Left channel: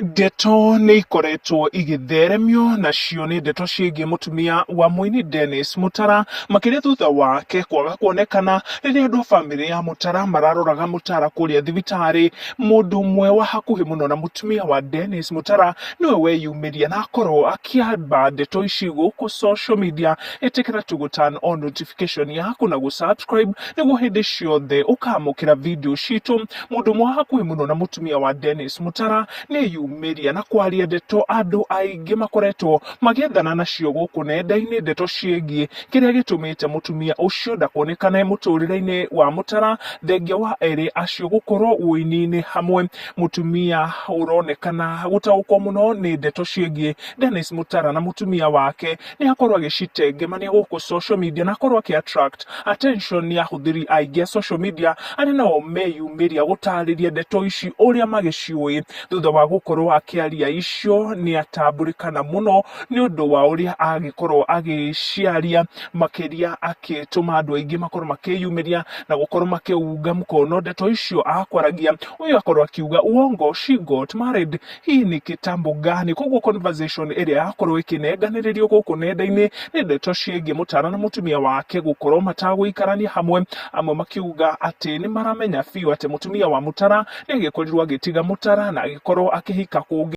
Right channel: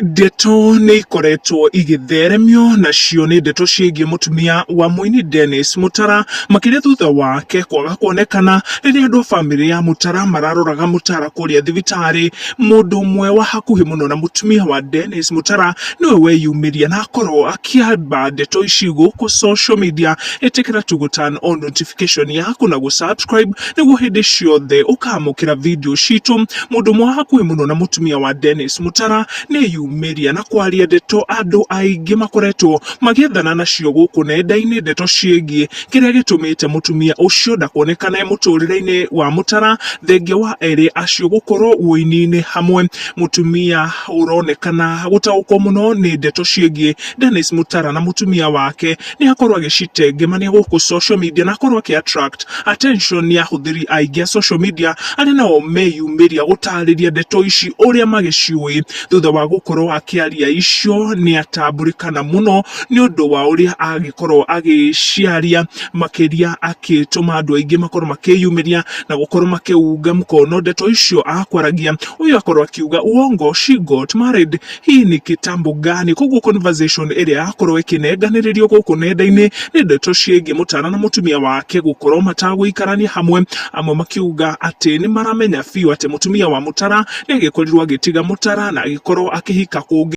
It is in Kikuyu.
Ndeto nĩ ikoretwo igĩtheremio nacio nĩ ndeto ciĩgiĩ mũtumia wa mũini Dennis Mutara, makĩria thutha wake kwaga kuonekana rĩrĩa andũ a bamĩrĩ ya Mutara mararoraga Mutara kũrĩa thibitarĩ. Mũndũ ũmwe wa hakuhĩ mũno na mũtumia wa Dennis Mutara nĩwe weyumĩria na akorwo akĩamba ndeto ici gũkũ social media. Ĩtĩkĩra tu gũ turn on notification yaku na gũ subscribe nĩguo hĩndĩ ciothe ũkamũkĩra video citũ. Mũndũ ũmwe wa hakuhĩ mũno na mũtumia wa Dennis Mutara nĩ media na kwaria ndeto andũ aingĩ makoretwo magĩethana nacio gũkũ nenda-inĩ, ndeto ciĩgiĩ kĩrĩa gĩtũmĩte mũtumia ũcio ndakonekane mũtũrĩre-inĩ wa Mutara thengia wa erĩ acio gũkorwo ũini-inĩ hamwe. Mũtumia ũronekana gũtaũkwo mũno nĩ ndeto ciĩgiĩ Dennis Mutara na mũtumia wake nĩ akorwo agĩcitengemania gũkũ social media na akorwo akĩ attract attention ya ahũthĩri aingĩ a social media, arĩa nao meyumĩria gũtarĩria ndeto ici ũrĩa magĩciũĩ. Thutha wa gũkorwo akĩaria icio nĩ atambũrĩkana mũno nĩ ũndũ wa ũrĩa agĩkorwo agĩciaria, makĩria akĩtũma andũ aingĩ makorwo makĩyumĩria na gũkorwo makĩunga mkono ndeto icio akwaragia. Ũyũ akorwo akiuga uongo, she got married, hii ni kitambo gani? Koguo conversation ĩrĩa yakorwo ĩkĩnenganĩrĩrio gũkũ nenda-inĩ nĩ ndeto ciĩgiĩ Mutara na mũtumia wake gũkorwo matagũikarania hamwe, amwe makiuga atĩ nĩ maramenya biũ atĩ mũtumia wa Mutara nĩ agĩkorirwo agĩtiga Mutara na agĩkorwo akĩhika kũngĩ.